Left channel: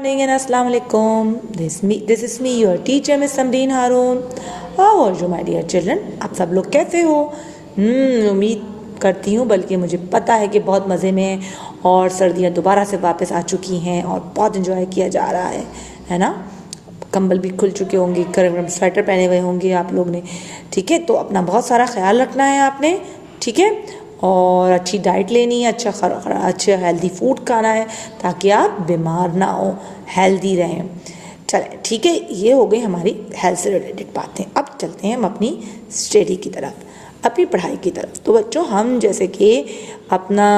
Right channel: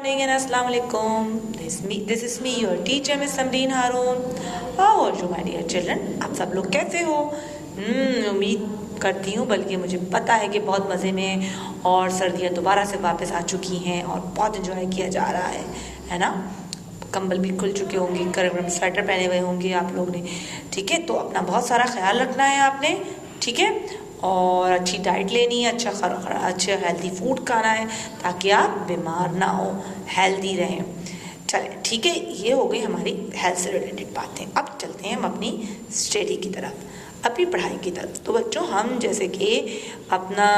Morning and Assalamu alaikum. This is me, your teacher, Miss Samreen Haroon. How are you, my dear children? आप सब लोग कैसे हो? उम्मीद करती हूँ, बल्कि मुझे पता है कि बहुत मज़े में हैं और सर्दियाँ दोबारा से वापस आ चुकी हैं और बहुत इंजॉय किया जा रहा है ना? कंबल भी खुल चुके होंगे, गर्म स्वेटर पहने हुए होंगे आप लोग ने, ठीक है? तो अपना बहुत सारा ख्याल रखना है आपने, ठीक है? और अच्छी डाइट लेनी है, अच्छा हेल्दी फूड खाना है ताकि आप बीमार ना हो, हेल्दी रहें। चलें, ठीक है, ये हो गई हमारी हेल्थ से रिलेटेड बातें। अब चलते हैं हम अपनी स्टडी की तरफ, अपनी पढ़ाई की तरफ। तो बच्चों, हम जैसे कि अपना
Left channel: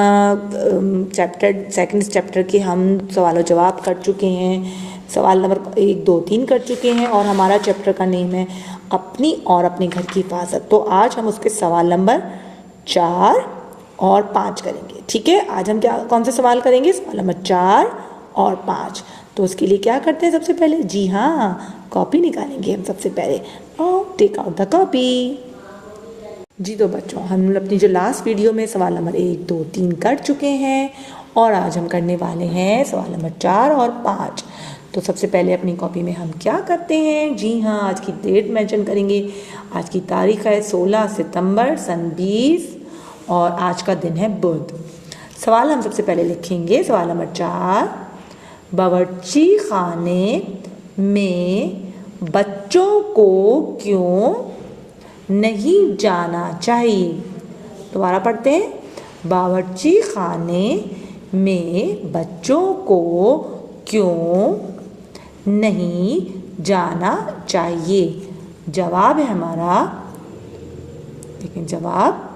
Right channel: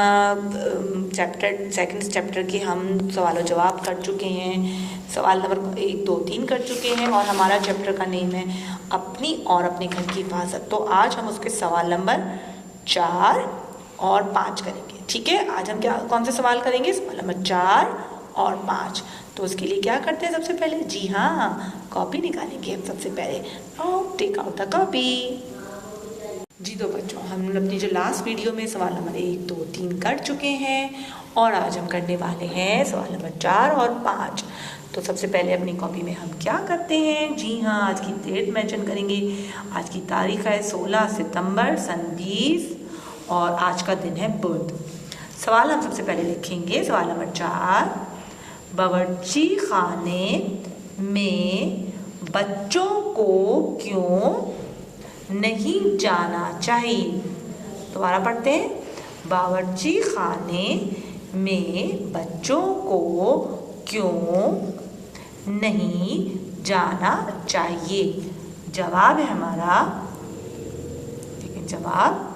सेकंड चैप्टर के हम सवाल और जवाब कर चुके हैं, सवाल नंबर 1, 2, 3 कर चुके हैं और हमारा चैप्टर का नेम है अपनी और अपने घर की हिफाजत। तो आज हम उसके सवाल नंबर 4 और 5 करेंगे, ठीक है? आज हम कौन से सवाल करेंगे? सवाल नंबर 4 और 5। तो उसके लिए क्या करते हैं सबसे पहले? जी हाँ, कॉपी निकालेंगे हम सबसे पहले। Take out the copy. जी तो बच्चों, हम अपनी जो लास्ट वीडियो में सवाल नंबर 1, 2, 3 कर चुके हैं और आज हम करने वाले हैं सवाल नंबर 4 और 5। तो सबसे पहले अपनी कॉपी में हम क्या करते हैं? जी हाँ, आज की डेट मेंशन करेंगे। आज की तारीख है 16 सितंबर सन 20 और आज का दिन है बुध। सवाल हम सबसे पहले लिखेंगे। सवाल नंबर 4, बावर्ची खाने में बच्चों को क्यों नहीं जाना चाहिए? दोबारा पढ़ते हैं। बावर्ची खाने में बच्चों को क्यों नहीं जाना चाहिए? जवाब है हमारा, लेकिन जवाब,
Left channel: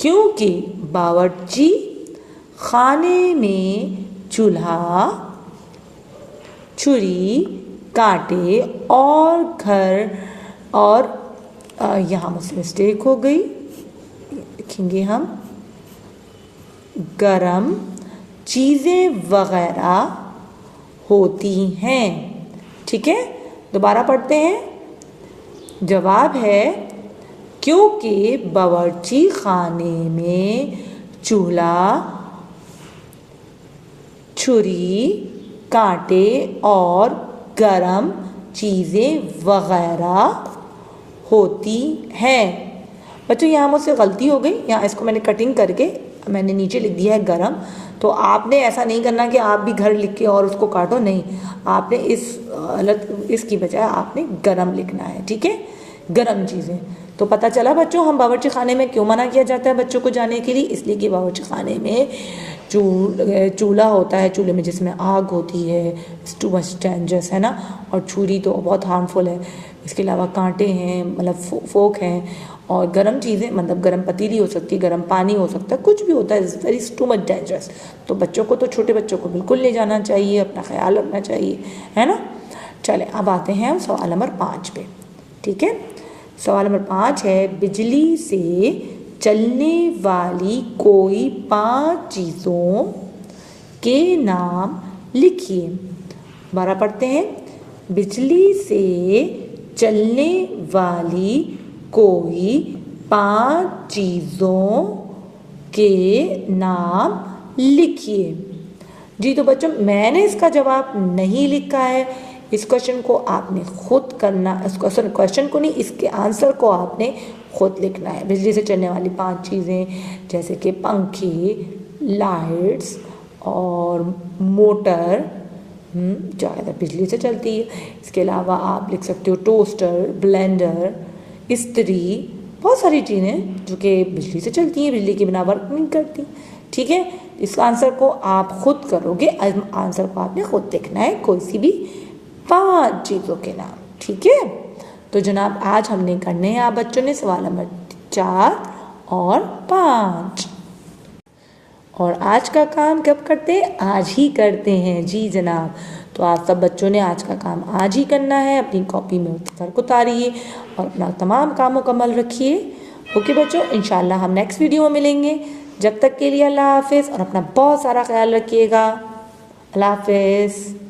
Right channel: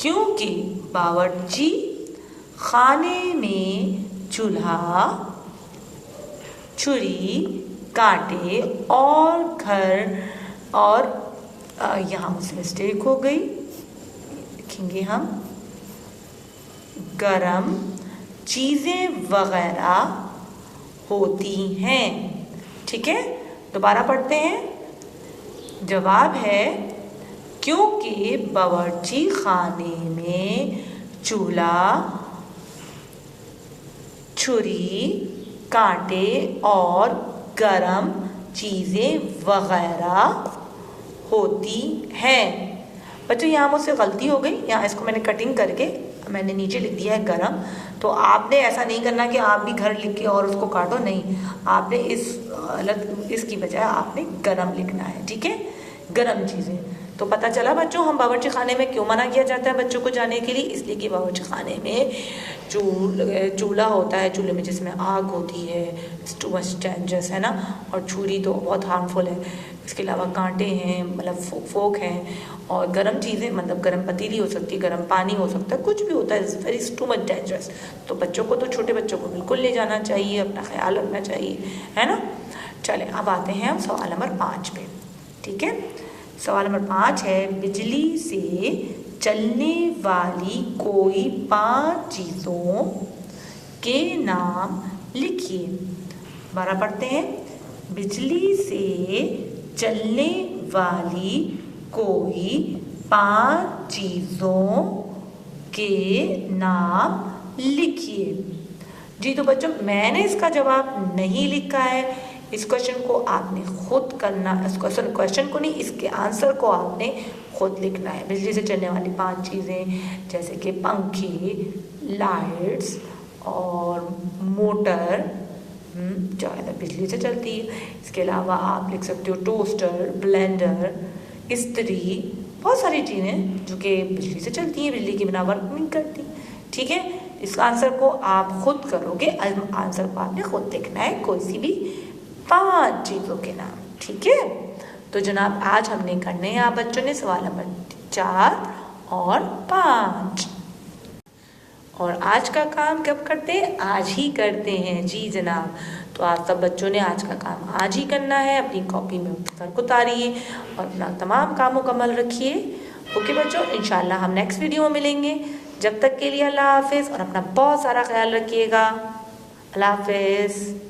क्योंकि बावर्ची खाने में चूल्हा, छुरी, कांटे और घर और यहाँ मुझसे मिस्टेक हो गई, लिखेंगे हम गरम चीज़ें वगैरह होती हैं, ठीक है? दोबारा पढ़ते हैं। जवाब है क्योंकि बावर्ची खाने में चूल्हा, छुरी, कांटे और गरम चीज़ें वगैरह होती हैं। बच्चों, यहाँ मुझसे गलती हो गई, यहाँ इसको मैंने कटिंग करके मैंने नीचे लिख दिया है गरम। तो आपने ऐसा नहीं करना कि आप भी घर लिख के और उसको काटो, नहीं, आपने इसकी बजाय आपने गरम लिखना है, ठीक है? गरम चीज़ें। तो पता चला बच्चों, हम बावर्ची खाने में क्यों मना किया जाता है बच्चों को जाने के लिए? इसलिए कि बावर्ची खाने में चूल्हा होता है, चूल्हे में जिसमें आग होती है, टू मच डेंजरस है ना, और छुरी तो बहुत हार्मफुल है। इसके अलावा कांटे हैं, मतलब फोक हैं, और गर्म चीज़ें, मतलब गर्म पतीली हो सकती है, गर्म पानी हो सकता है, कुछ भी होता है, इज टू मच डेंजरस। तो बच्चों को, तो छोटे बच्चों को बिल्कुल ले जाना चाहिए, अपना ख्याल रखना चाहिए, है ना? चलें, अब आते हैं हम सवाल नंबर 5 पे, ठीक है? सवाल नंबर 5 है, बिजली से चलने वाली कोई 5 चीज़ों के नाम लिखिए। 12 पढ़ते हैं। बिजली से चलने वाली कोई 5 चीज़ों के नाम लिखिए। जी तो बच्चों, मैंने इसका जवाब नहीं लिखा है। इस क्वेश्चन को आपने खुद करना, इस क्वेश्चन को नहीं, इसके आंसर को आपने खुद लिखना है। बिजली से चलने वाली 5 चीज़ें जैसे कि पंखे, लाइट्स और मोटर, ज़्यादातर बिजली से चलती है। इसके अलावा आप लिख सकते हो टोस्टर, ब्लेंडर, इस्त्री, बहुत सारी चीज़ें जो कि बिजली से चलती हैं, बिजली के बिना वर्क नहीं करती, ठीक है? इस आंसर को आप खुद करोगे, आंसर को आपने खुद लिखना है, कोई सी भी 5 चीज़ों के नाम, ठीक है? तो जनाब, आज हमने करने हैं आप बच्चों ने सवाल नंबर 4 और 5। और आज का काम कब करते हैं? आज ही करते हैं, जी जनाब। तो आप सब बच्चों ने आज का काम आज ही करना है। अपनी कॉपी में सर को उतारिए और अपना तमाम काम मुकम्मल रखिए। ओके बच्चों, इंशाल्लाह हम नेक्स्ट वीडियो में मिलेंगे। जब तक के लिए अल्लाह हाफिज़ और अपना बहुत सारा ख्याल रखिएगा। अल्लाह हाफिज़।